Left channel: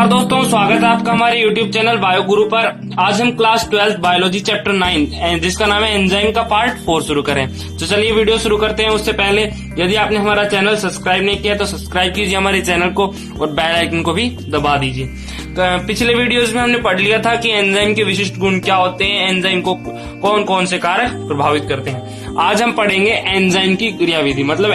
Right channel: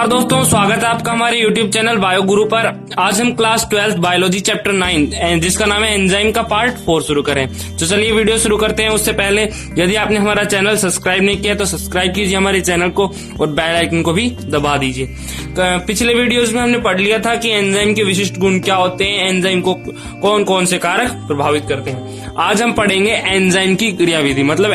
नमस्कार दोस्तों, स्वागत है आपका हमारे YouTube चैनल बायो गुरु पर। आज हम क्लास 12 बायोलॉजी चैप्टर 9 जिसका नाम है एंजाइम का पार्ट 4 शुरू करें। तो चलिए वीडियो शुरू करते हैं। उससे पहले यदि आपने हमारा चैनल सब्सक्राइब नहीं किया तो सब्सक्राइब कीजिए हमारे चैनल को और बेल आइकन को भी दबा दीजिए। तो पिछले वीडियोज में हमने पढ़ लिया था कि एंजाइम के विशिष्ट गुण क्या होते हैं, एंजाइम को कौन कौन से कारक प्रभावित करते हैं। आज हम पढ़ेंगे एंजाइम की क्रियाविधि, मतलब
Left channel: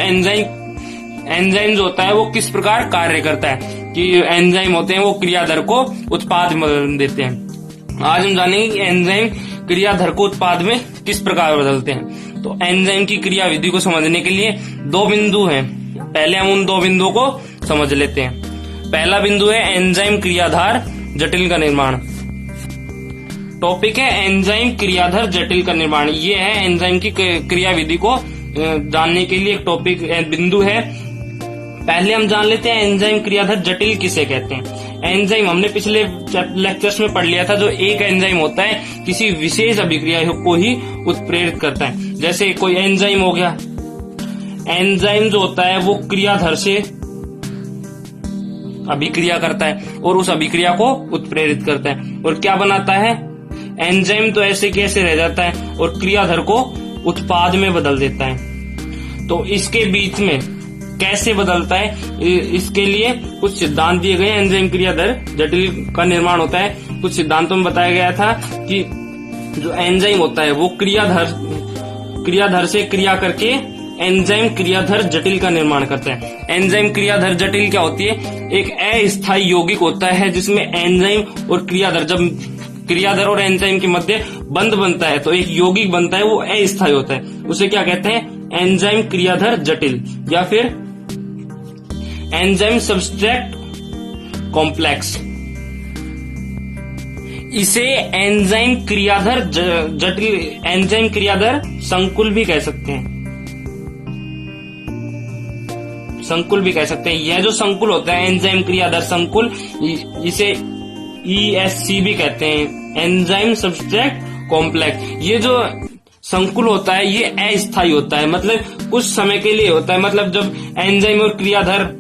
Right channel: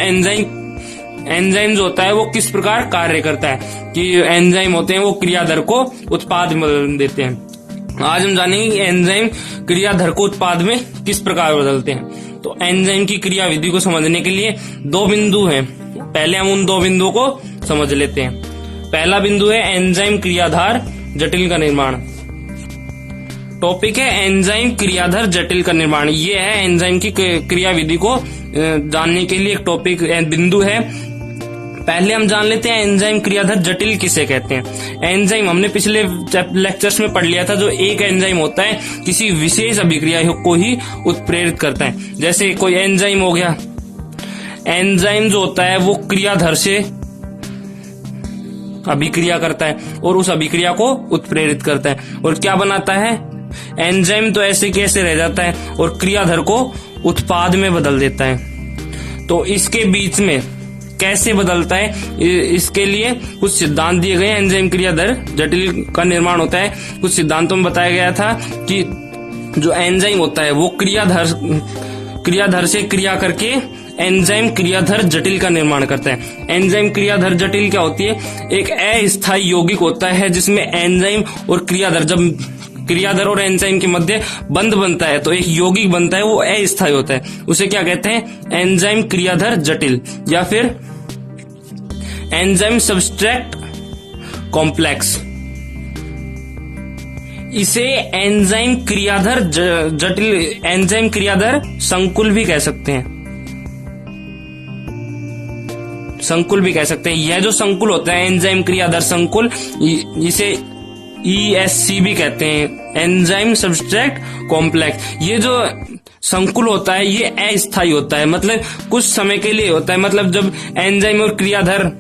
एंजाइम जो होता है वो किस प्रकार कार्य करता है, कि एंजाइम होते हैं वो क्रियाधर को उत्पाद में बदल देते हैं। आज हम जानेंगे कि एंजाइम क्रियाधर को उत्पाद में किस प्रकार बदलते हैं। तो एंजाइम की क्रियाविधि को समझने के लिए दो बिंदु हैं। पहले हम उन दो बिंदुओं को समझ लेते हैं। पहला बिंदु है एंजाइम क्रियाधार जटिल का निर्माण। टॉपिक है एंजाइम क्रियाधार जटिल का निर्माण। ये है एंजाइम की क्रियाविधि को जानने के लिए एक टॉपिक बिंदु है। पहले हम जान लेते हैं एंजाइम क्रियाधार जटिल किसे कहते हैं। एंजाइम हमने पिछले लेक्चर्स में पढ़ लिया था, जो एक एंजाइम होता है किसी विशेष अभिक्रिया को ही उत्प्रेरित करता है। जैसे कोई एंजाइम हो गया, एंजाइम जो होता है वो क्रियाधर से अभिक्रिया करता है और उस अभिक्रिया को उत्प्रेरित करता है और क्या बनाता है। एंजाइम तो ऐसे कैसे रह जाता है और क्रियाधर को उत्पाद में बदल देता है। तो इसके बीच में कैसे बदलता है, इसके लिए कुछ सिद्धांत दिए गए। एंजाइम क्रियाधर जटिल का निर्माण होता है। कुछ सिद्धांतों में बताया गया था कि जो एंजाइम होता है वो क्रियाधर से क्रिया करके एंजाइम क्रियाधर जटिल का निर्माण करता है। एंजाइम क्रियाधर जटिल क्या होती है, एक अस्थायी यौगिक होता है जिसमें एंजाइम और क्रियाधर, जब क्रियाधर और एंजाइम के मध्य बंध बनता है तो एक यौगिक बनता है, वो अस्थायी होता है। उसे क्या कहते हैं, एंजाइम क्रियाधर जटिल या फिर एंजाइम सब्सट्रेट कॉम्प्लेक्स। इसे एंजाइम क्रियाधर जटिल, एंजाइम क्रियाधर संकुल भी कह सकते हैं। संकुल भी कह सकते हैं। यह जो संकुल होता है एंजाइम क्रियाधर संकुल, इसे ESC भी कहते हैं, एंजाइम सब्सट्रेट कॉम्प्लेक्स। ये जो संकुल होता है ये अस्थायी होता है, मतलब कुछ समय के लिए होता है। मतलब जब एंजाइम और क्रियाधर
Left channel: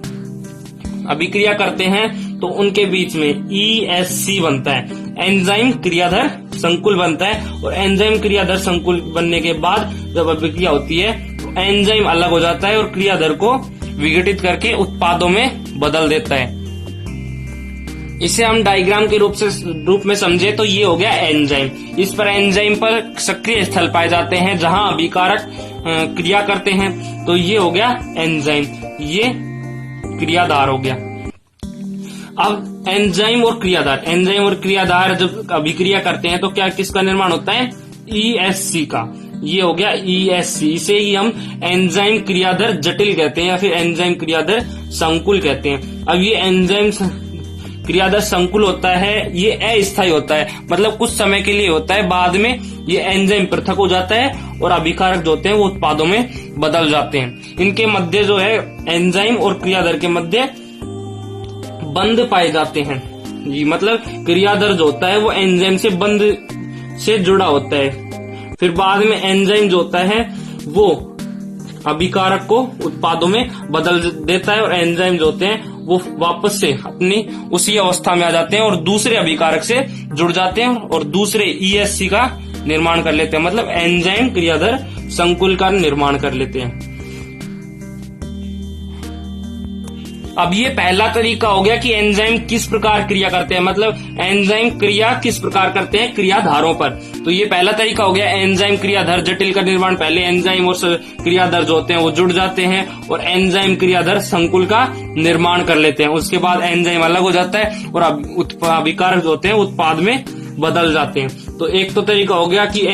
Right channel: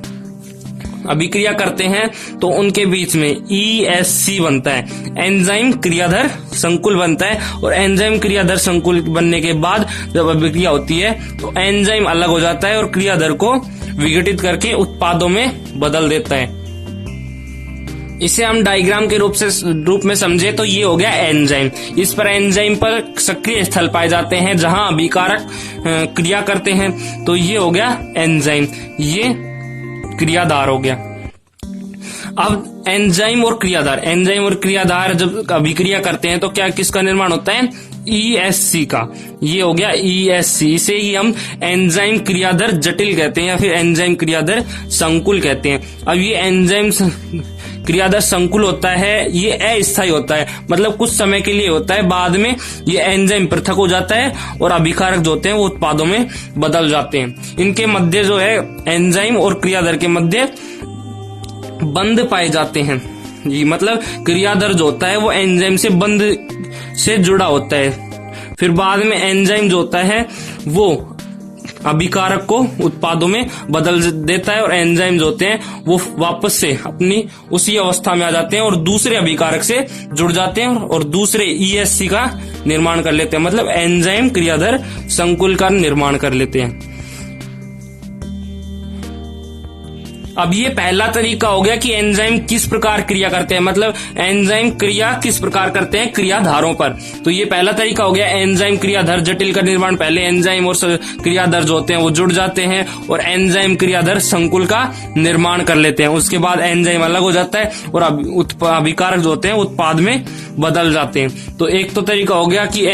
अभिक्रिया करते हैं तो उनके बीच में ESC बनता है, एंजाइम क्रियाधर संकुल बनता है। और एंजाइम क्रियाधर संकुल बनने के बाद जब अभिक्रिया होती है तो एंजाइम अलग हो जाता है और क्रियाधर को विघटित करके उत्पादों में बदल देता है। इसे हम डायग्राम के रूप में समझे तो ये हो गया एंजाइम। इस पर एंजाइम पर सक्रिय स्थल पाए जाते हैं जहां अभिकारक क्रिया करते हैं, तो ये हो गया एंजाइम, ये क्रियाधार हो गया। अब एंजाइम और क्रियाधार जब अभिक्रिया करते हैं तो क्या किसका निर्माण होता है, ESC का। ये हो गया ESC। इसे ही हम एंजाइम क्रियाधर जटिल कहते हैं या फिर एंजाइम क्रियाधर संकुल कहते हैं। अब ये एंजाइम क्रियाधर संकुल होता है, ये अस्थायी होता है, मतलब कुछ समय के लिए होता है। बाद में ये एंजाइम पृथक हो जाता है और अभिकारक जो होते हैं वो उत्पादों में बदल जाते हैं। इनके मध्य जो है एंजाइम और क्रियाधर के मध्य बंध पाए जाते हैं। ये मतलब क्रियाधर जो होता है वो एंजाइम से बंध से जुड़ा होता है। फिर बाद में एंजाइम जो होता है वो अभिकारक को उत्पादों में बदल देता है और एंजाइम जो होते हैं वो वापस से अपनी उसी अवस्था में आ जाते हैं और दूसरे अभिकारक से जुड़ जाते हैं और दूसरे ESC का निर्माण कर लेते हैं, मतलब एंजाइम क्रियाधर संकुल का निर्माण कर लेते हैं। अब ये पहला तरीका हो गया कि एंजाइम किस प्रकार क्रिया करते हैं, मतलब एंजाइम क्रिया किस प्रकार करते हैं क्रियाधारों पर। तो ये पहला तरीका हो गया एंजाइम क्रियाधर जटिल का निर्माण। पहले एंजाइम और क्रियाधर जो होते हैं वो जुड़ जाते हैं और एंजाइम क्रियाधर संकुल का निर्माण कर लेते हैं। उसके बाद एंजाइम अलग हो जाता है और अभिकारक जो होते हैं उत्पाद में बदल जाते हैं। तो एक तो तरीका हो गया कि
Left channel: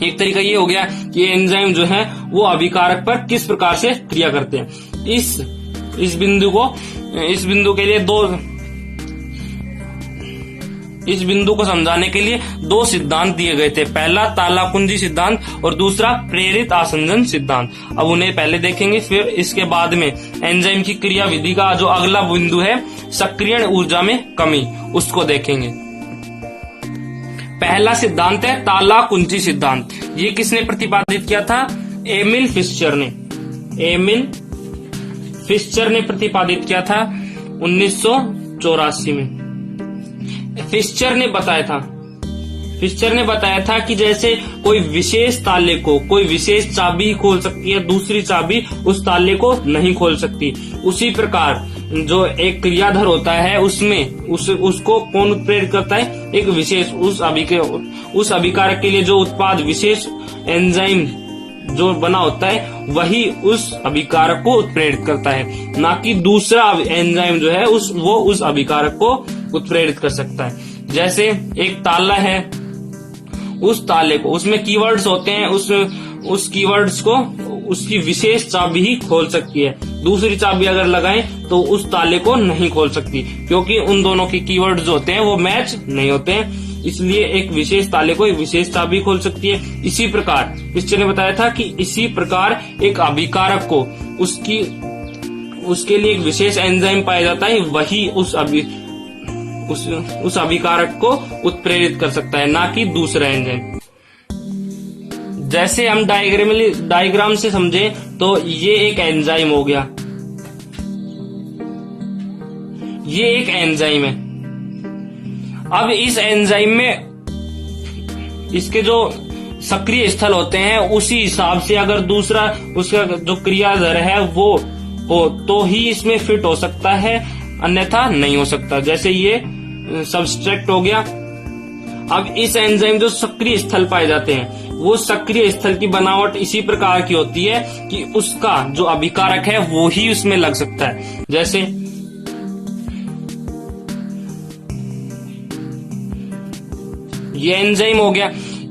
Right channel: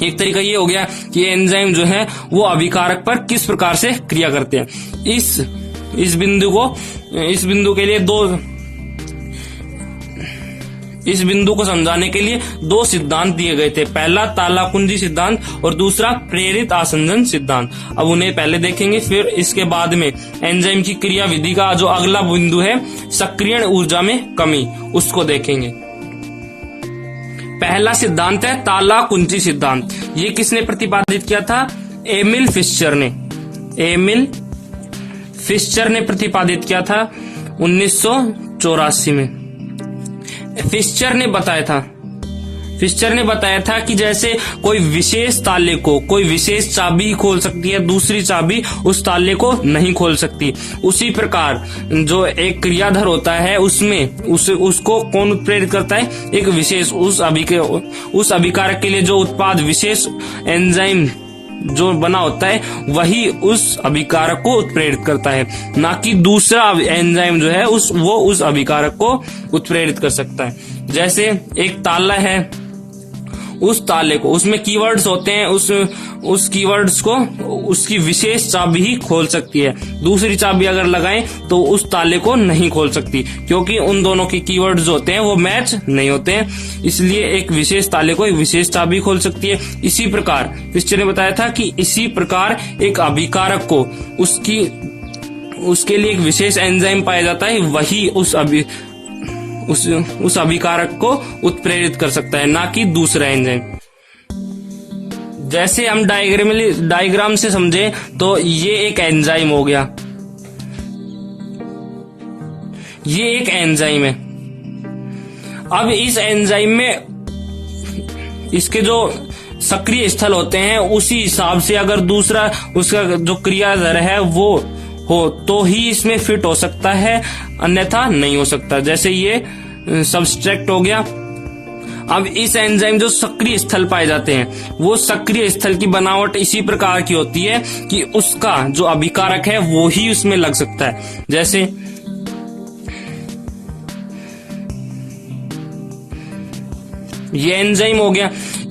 एक तरीका ये हो गया कि एंजाइम जो है वो अभिकारक पर किस प्रकार से क्रिया करते हैं। इस बिंदु के लिए इस बिंदु को समझाने के लिए दो सिद्धांत दिए गए थे। पहला तालाकुंजी सिद्धांत और दूसरा प्रेरित आसंजन सिद्धांत। अब उन्हें पहले देखेंगे, फिर इसके बाद में एंजाइम की क्रियाविधि का जो अगला बिंदु है सक्रियण ऊर्जा में कमी, उसको देखेंगे। पहला सिद्धांत है तालाकुंजी सिद्धांत। ये किसने प्रतिपादित किया था, एमिल फिश्चर ने प्रतिपादित किया था 19 1884 में फिस्चर ने बताया था कि जैसे कोई विशेष ताले को कोई विशेष चाबी खोल सकती है, दूसरी चाबी उस ताले को नहीं खोल सकती। उसी प्रकार जो एक क्रियाधर होता है उसमें उसको कौन उत्प्रेरित करता है? एक विशेष उस अभिकारक के लिए जो उत्पाद विशेष एंजाइम जो बना होता है वही उस अभिकारक को उत्प्रेरित करता है, ना कि दूसरा एंजाइम जो है वो उस अभिकारक को उत्प्रेरित कर सकता है। जैसे एक ताला है, उस ताले को उसमें कीवर्ड्स होते हैं, उस कीवर्ड्स को उसकी विशेष चाबी ही खोल सकती है। दूसरी चाबी अगर लगाएं तो उस ताले को नहीं खोल सकती, क्योंकि उन दोनों के कीवर्ड्स जो होते हैं वो मैच नहीं होते हैं। इसलिए एक विशेष ताले को एक विशेष चाबी खोल सकती है। इसी प्रकार फिस्चर ने बताया था कि इसी प्रकार एक अभिकारक को उसके लिए एक विशेष एंजाइम पाया जाता है, वही उस अभिकारक को उत्प्रेरित कर सकता है, ना कि दूसरा एंजाइम। जैसे हम डायग्राम से समझे तो ये एक एंजाइम हो गया, ये एक एंजाइम है। अब इस एंजाइम में इसके जो सक्रिय स्थल होते हैं उसी हिसाब से अगर दूसरा उसका जो क्रियाधर है वो हो तो ही इसमें फिट हो सकता है, अन्यथा नहीं हो सकता। जैसे ये सबस्ट्रैक्ट हो गया। अब इस एंजाइम जो सक्रिय स्थल पाए जाते हैं वो सक्रिय स्थल की बनावट इसी प्रकार की होती है कि उसका जो अभिकारक है वो ही उसमें लग सकता है। जैसे ये एंजाइम हो गया,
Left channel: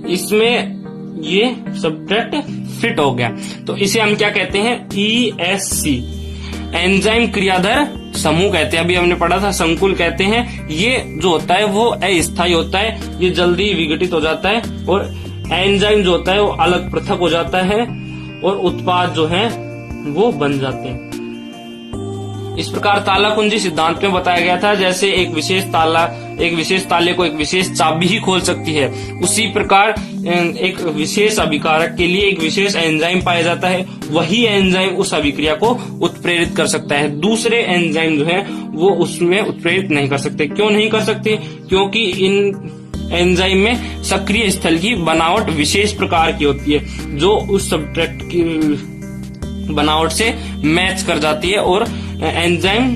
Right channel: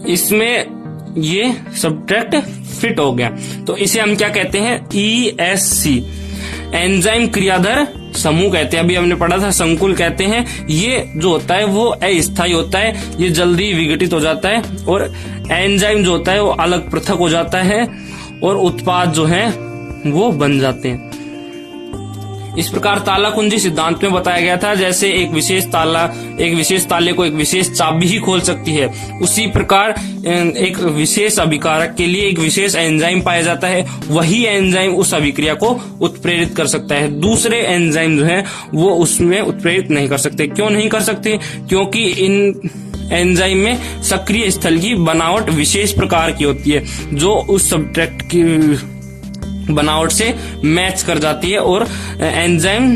इसमें ये सब्ट्रैक्ट फिट हो गया, तो इसे हम क्या कहते हैं? ESC, एंजाइम क्रियाधर समूह कहते हैं। अभी हमने पढ़ा था संकुल कहते हैं। ये जो होता है वो अस्थायी होता है, ये जल्दी विघटित हो जाता है और एंजाइम जो होता है वो अलग पृथक हो जाता है और उत्पाद जो है वो बन जाते हैं। इस प्रकार ताला कुंजी सिद्धांत में बताया गया था, जैसे एक विशेष ताले को एक विशेष चाबी ही खोल सकती है, उसी प्रकार एक विशेष अभिकारक के लिए एक विशेष एंजाइम पाया जाता है, वही एंजाइम उस अभिक्रिया को उत्प्रेरित कर सकता है। दूसरे एंजाइम जो है वो उसमें उत्प्रेरित नहीं कर सकते। क्यों नहीं कर सकते? क्योंकि इन एंजाइम में सक्रिय स्थल की बनावट विशेष प्रकार की होती है जो उस सब्ट्रैक्ट की बनावट से मैच कर जाती है और एंजाइम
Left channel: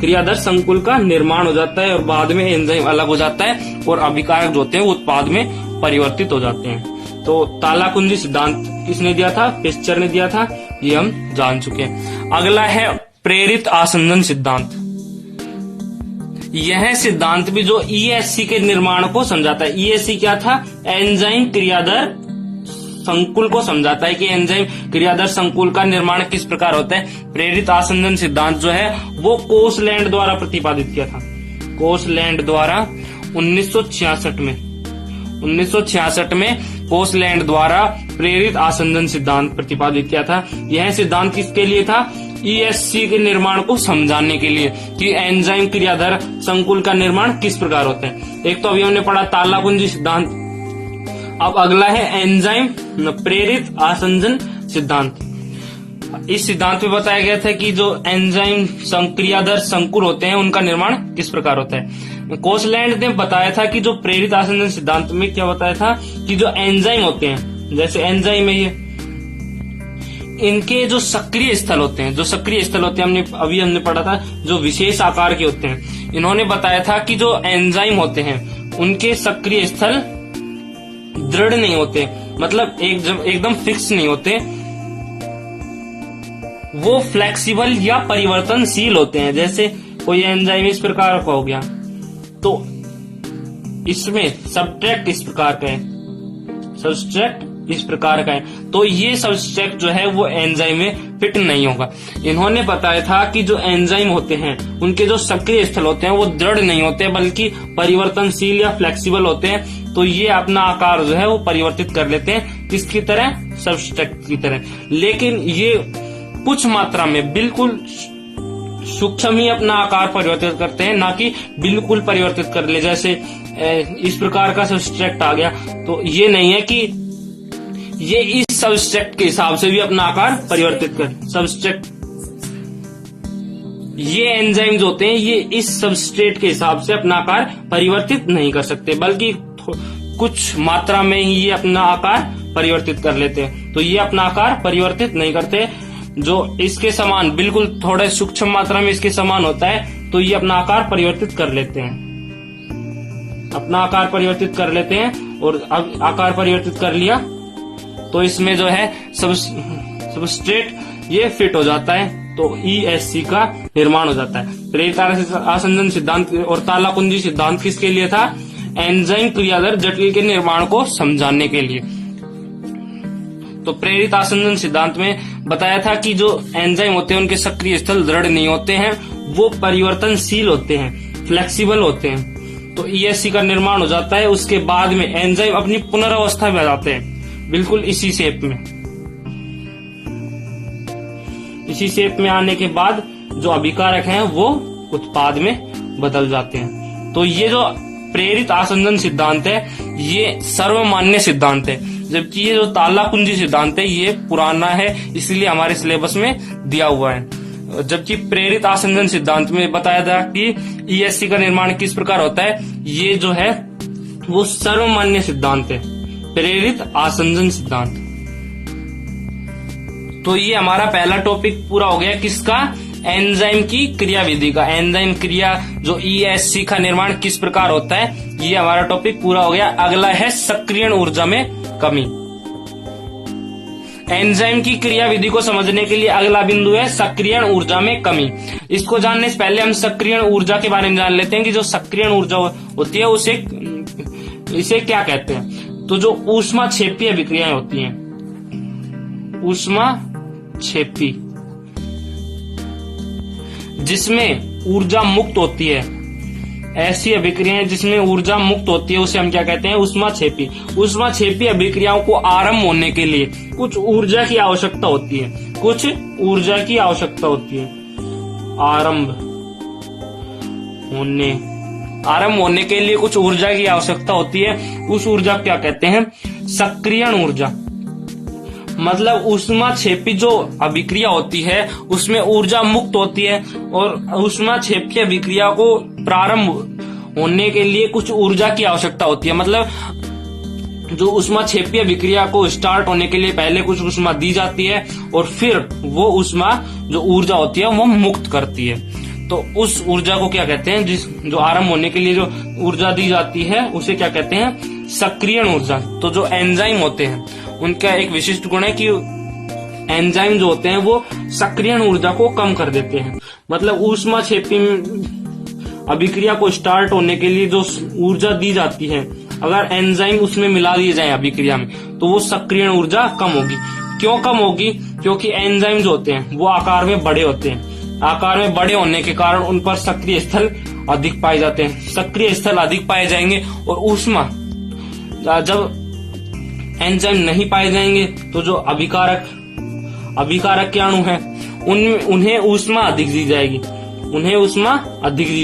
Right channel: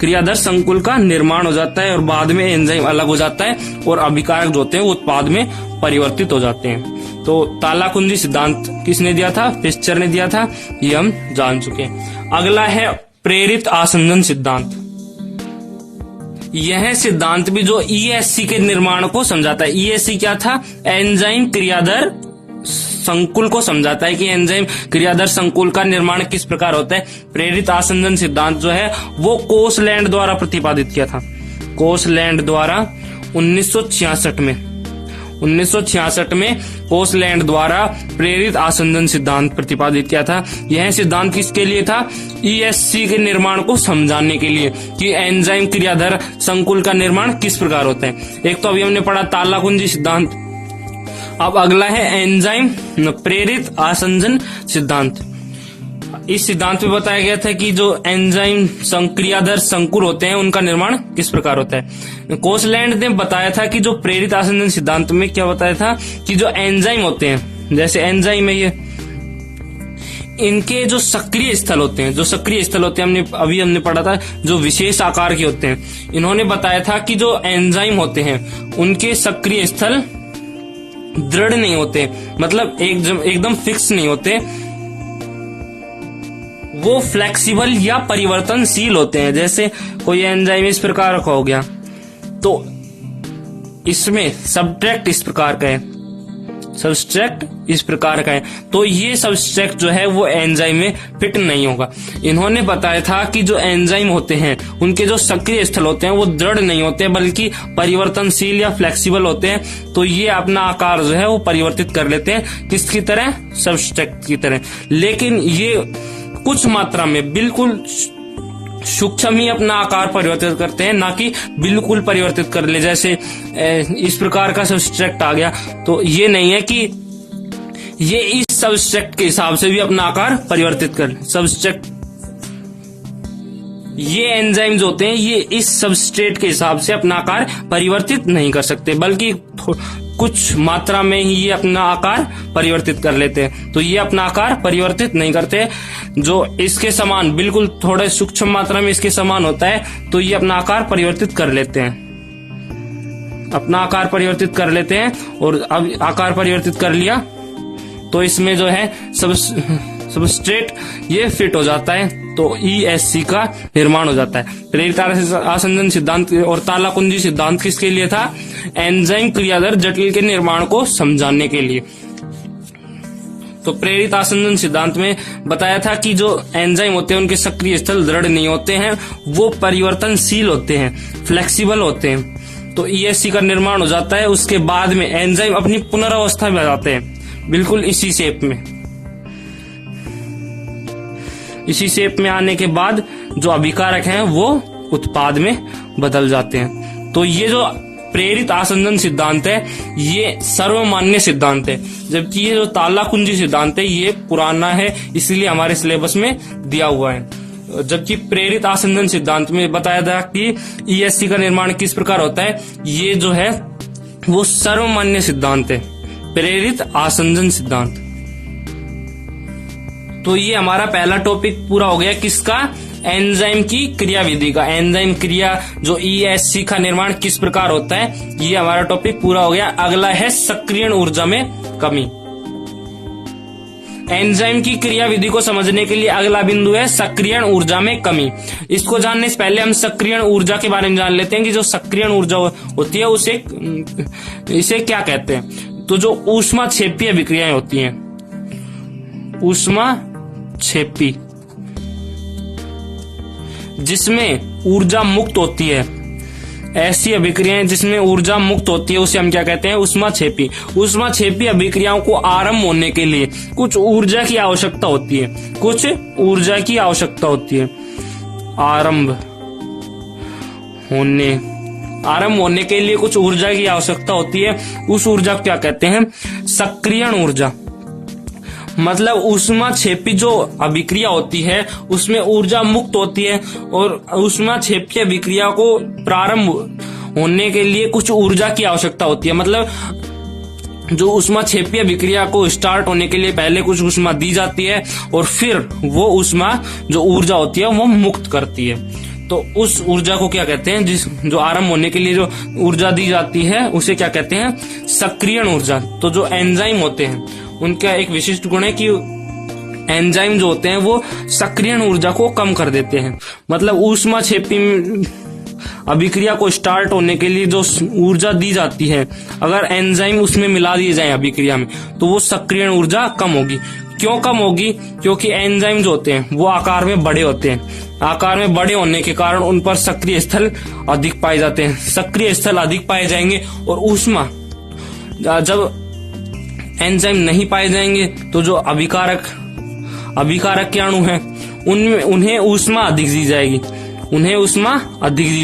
क्रियाधर संकुल का निर्माण हो जाता है और बाद में एंजाइम अलग हो जाता है और अभिकारक जो होते हैं वो उत्पाद में परिवर्तित हो जाते हैं। तो ताला कुंजी सिद्धांत किसने दिया था? फिस्चर ने दिया था, ये हम जान चुके हैं। अगला है प्रेरित आसंजन सिद्धांत। यह सिद्धांत भी जो ESC के निर्माण को समझाता है। ESC क्या था? एंजाइम क्रियाधर संकुल को समझाता है कि एंजाइम क्रियाधर संकुल का निर्माण किस प्रकार होता है। प्रेरित आसंजन सिद्धांत जो है वो कोसलैंड द्वारा प्रतिपादित किया था, कोसलैंड द्वारा 1966 में कोसलैंड द्वारा प्रेरित आसंजन सिद्धांत प्रतिपादित किया था। यह सिद्धांत किसके लिए था? ESC के निर्माण को समझाने के लिए कि एंजाइम क्रियाधर संकुल का निर्माण किस प्रकार होता है। एक तो अभी हमने पढ़ा ताला कुंजी सिद्धांत, अब अगला है एंजाइम प्रेरित आसंजन सिद्धांत। इस सिद्धांत में बताया गया था कि जो एंजाइम क्रियाधर संकुल होते हैं उनका निर्माण किस प्रकार होता है। कोसलैंड ने बताया था कि जो प्रेरित आसंजन सिद्धांत में क्या बताया था कि जो एंजाइम होते हैं, जैसे एंजाइम है ये, इनके जो सक्रिय स्थल होते हैं हमने पढ़ा था जो विशेष आकार के होते हैं। इन्होंने बताया था कि जो एंजाइम होते हैं उनके सक्रिय स्थल दृढ़ नहीं होते, मतलब एकदम फिक्स नहीं होते, वो फ्लेक्सिबल या परिवर्तनशील होते हैं। जैसे कोई एंजाइम इस प्रकार का हो गया तो इसमें सब्ट्रैक्ट इस प्रकार का है, सबस्ट्रैक्ट इस प्रकार का है, तो ये सबस्ट्रैक्ट जो है वो एंजाइम में फिट नहीं होगा। इन्होंने बताया था कि जो एंजाइम होते हैं उनके जो सक्रिय स्थल होते हैं वो दृढ़ नहीं होते बल्कि परिवर्तनशील या फ्लेक्सिबल होते हैं, तो ये अपना आकार जो है वो परिवर्तित कर लेते हैं किसकी तरह? सबस्ट्रैक्ट की तरह। लेकिन ये कुछ मात्रा में बिल्कुल सूक्ष्म ही अपना आकार परिवर्तित करते हैं, ना कि बिल्कुल परिवर्तित कर ले। जैसे इस प्रकार का सबस्ट्रैक्ट आ गया तो ये नहीं है कि ये इस सबस्ट्रैक्ट के हिसाब से भी अपना आकार परिवर्तित कर। सबस्ट्रैक्ट ये एंजाइम्स होते हैं, ये इस सबस्ट्रेट के हिसाब से अपना आकार परिवर्तित नहीं कर सकते, बल्कि कुछ मात्रा में ही ये अपना आकार परिवर्तित कर लेते हैं। तो ये अपना आकार परिवर्तित नहीं करते, जो इसके समान बिल्कुल थोड़े सूक्ष्म मात्रा में इसके समान होता है, तो ये अपना आकार परिवर्तित कर लेते हैं, अपना आकार परिवर्तित कर लेते हैं। और अब आकार परिवर्तित कर लिया तो इसमें जो है सबस्ट्रेट ये फिट हो जाता है, तो ESC का निर्माण हो जाता है। प्रेरित आसंजन सिद्धांत और ताला कुंजी सिद्धांत किसके लिए था? एंजाइम क्रियाधर जटिल के निर्माण को समझाने के लिए। तो प्रेरित आसंजन सिद्धांत में बताया था कि जो एंजाइम होते हैं उनके सक्रिय स्थल दृढ़ नहीं होते हैं, वो परिवर्तनशील होते हैं, फ्लेक्सिबल होते हैं। तो ESC का निर्माण हो जाता है, उसके बाद में एंजाइम अपनी पुनरावस्था में आ जाते हैं, बिल्कुल इसी शेप में। इसी शेप में आने के बाद जो अभिकारक हैं वो उत्पाद में बदल जाते हैं। तो ये जो प्रेरित आसंजन सिद्धांत है ये सर्वमान्य सिद्धांत है, जबकि ये जो ताला कुंजी सिद्धांत है ये पुराना है, इसलिए हमारे सिलेबस में दिया हुआ है। जबकि प्रेरित आसंजन सिद्धांत में बताया था कि ESC का निर्माण किस प्रकार होता है, ये जो है वो सर्वमान्य सिद्धांत है, प्रेरित आसंजन सिद्धांत। तो ये हमारा पहला टॉपिक पूरा हो गया, किसका? एंजाइम की क्रियाविधि का। एंजाइम क्रिया जो ESC का निर्माण किस प्रकार होता है, ये हमारा टॉपिक पूरा हो गया। अगला है सक्रियण ऊर्जा में कमी। एंजाइम की क्रियाविधि को समझने के लिए अगला बिंदु है सक्रियण ऊर्जा में कमी। इसको जानने से पहले हम सक्रियण ऊर्जा के बारे में जान लेते हैं कि जो सक्रियण ऊर्जा होती है इसे क्या कहते हैं। तो जो ऊष्माक्षेपीय अभिक्रियाएं होती हैं, ऊष्माक्षेपी, जिसमें ऊर्जा मुक्त होती है, ऐसी अभिक्रियाएं जिसमें ऊर्जा मुक्त होती है उसे हम क्या कहते हैं? ऊष्माक्षेपी। ऊष्माक्षेपी अभिक्रियाओं को आरंभ होने के लिए कुछ ऊर्जा की आवश्यकता होती है, कुछ ऊर्जा की आवश्यकता होती है। आरंभ होने के लिए कुछ ऊर्जा की आवश्यकता होती है, उस ऊर्जा क्या कहते हैं? सक्रियण ऊर्जा। मतलब ऊष्माक्षेपी जो अभिक्रिया होती है उसमें ऊर्जा मुक्त होती है, और ऊष्माक्षेपी अभिक्रिया को प्रारंभ होने के लिए कुछ ऊर्जा की आवश्यकता होती है। मतलब जो ऊष्माक्षेपी अभिक्रिया को स्टार्ट होने के लिए पहले कुछ ऊष्मा दी जाती है और फिर वो ऊष्मा जो ऊर्जा होती है वो मुक्त करती है। तो उस ऊर्जा को क्या कहते हैं? जो आरंभ होने के लिए जो ऊर्जा दी जाती है उसे क्या कहते हैं? सक्रियण ऊर्जा। तो जो एंजाइम होते हैं उनका एक विशिष्ट गुण है कि एंजाइम जो होते हैं वो सक्रियण ऊर्जा को कम कर देते हैं। मतलब ऊष्माक्षेपी अभिक्रिया को स्टार्ट होने के लिए जो ऊर्जा दी जाती है, अगर एंजाइम उसमें मिला दिए जाए अभिक्रिया में, तो वो सक्रियण ऊर्जा कम होगी। क्यों कम होगी? क्योंकि एंजाइम जो होते हैं वो आकार में बड़े होते हैं। आकार में बड़े होने के कारण उन पर सक्रिय स्थल अधिक पाए जाते हैं। सक्रिय स्थल अधिक पाए जाएंगे और ऊष्मा, जब एंजाइम नहीं पाए जाएंगे तो जो अभिकारक के अणु हैं उन्हें ऊष्मा अधिक दी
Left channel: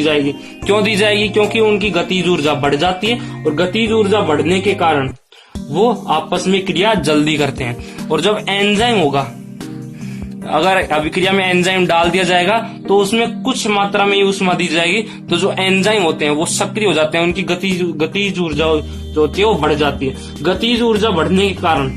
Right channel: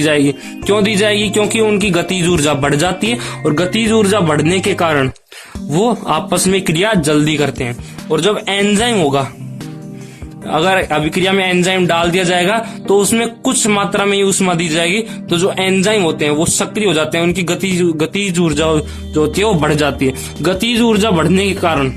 जाएगी। क्यों दी जाएगी? क्योंकि उनकी गतिज ऊर्जा बढ़ जाती है, और गतिज ऊर्जा बढ़ने के कारण वो आपस में क्रिया जल्दी करते हैं। और जब एंजाइम होगा, अगर अभिक्रिया में एंजाइम डाल दिया जाएगा तो उसमें कुछ मात्रा में ऊष्मा दी जाएगी, तो जो एंजाइम होते हैं वो सक्रिय हो जाते हैं, उनकी गतिज ऊर्जा जो होती है वो बढ़ जाती है। गतिज ऊर्जा बढ़ने के कारण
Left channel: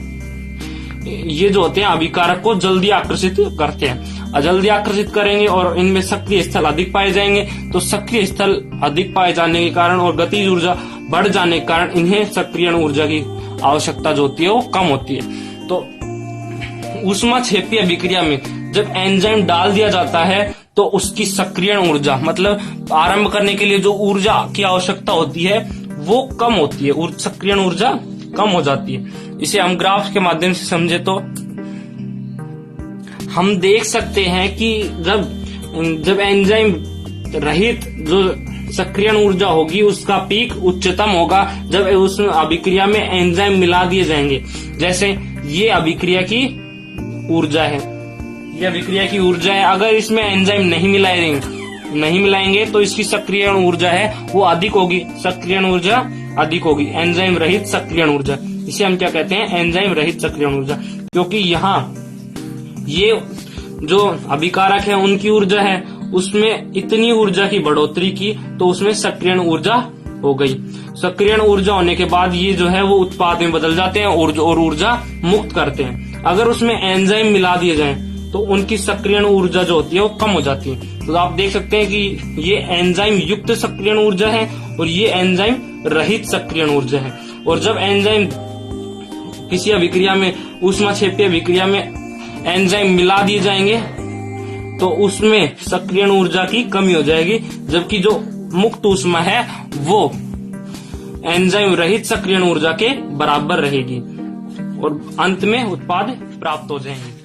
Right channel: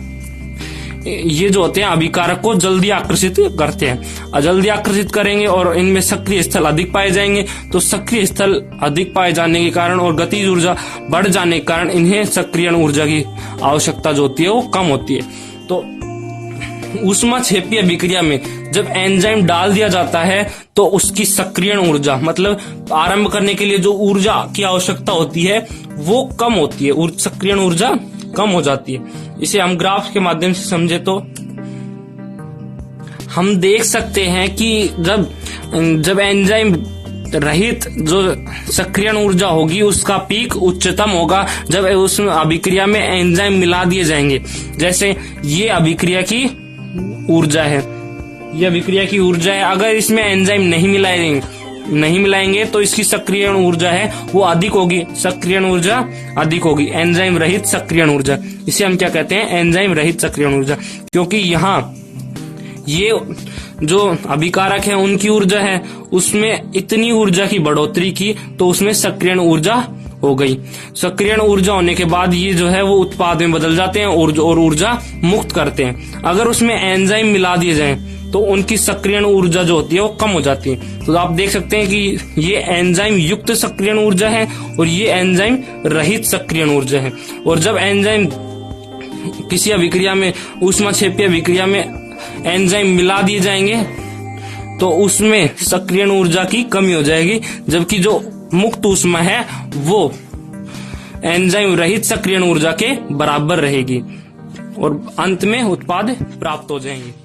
ये जो होते हैं अभिकारक को जल्दी आकर्षित करते हैं, और जल्दी आकर्षित करेंगे और इनमें सक्रिय स्थल अधिक पाए जाएंगे। तो सक्रिय स्थल अधिक पाए जाने के कारण और गतिज ऊर्जा बढ़ जाने के कारण इन्हें सक्रियण ऊर्जा की आवश्यकता जो होती है वो कम होती है। तो ऊष्माक्षेपी अभिक्रिया में जब एंजाइम डाल दिया जाता है तो उसकी सक्रियण ऊर्जा, मतलब आरंभ करने के लिए जो ऊर्जा की आवश्यकता होती है वो कम होती है, सक्रियण ऊर्जा कम हो जाती है। इसे हम ग्राफ के माध्यम से समझे तो हम देख सकते हैं कि जब एंजाइम रहित जो सक्रियण ऊर्जा होगी उसका पीक उच्चतम होगा जब उस अभिक्रिया में एंजाइम मिला दिए जाएंगे। जैसे ये अभिक्रिया की ऊर्जा है, यह अभिक्रिया की ऊर्जा है। अगर इसमें एंजाइम नहीं मिलाएंगे तो इसकी सक्रियण ऊर्जा है वो अधिक होगी, सक्रियण ऊर्जा अधिक होगी, एंजाइम रहित सक्रियण ऊर्जा। इसे हम क्या कहते हैं? एंजाइम रहित सक्रियण ऊर्जा। क्योंकि यहाँ ये जो अभिकारक है उनकी ऊर्जा है उसमें इतनी ऊर्जा की बढ़ोतरी की तो उसमें सक्रियण ऊर्जा हो गई। सक्रियण ऊर्जा होने के बाद ये जो है वो उत्पाद में बदल जाते हैं और ऊर्जा मुक्त करते हैं। अगर उसमें एंजाइम मिला दिए जाए तो उनकी सक्रियण ऊर्जा जो होती है वो कम हो जाती है। तो आप देख सकते हैं कि ये एंजाइम युक्त सक्रियण ऊर्जा है और ये एंजाइम रहित सक्रियण ऊर्जा है। और जब एंजाइम किसी अभिक्रिया में, ऊष्माक्षेपीय अभिक्रिया में एंजाइम मिला दिए जाएंगे तो उसमें सक्रियण ऊर्जा की कमी हो जाएगी, जबकि जो मुक्त ऊष्मा है वो एंजाइम रहित सक्रियण ऊर्जा के बराबर रहेगी और अंत में उत्पाद प्राप्त हो जाएंगे।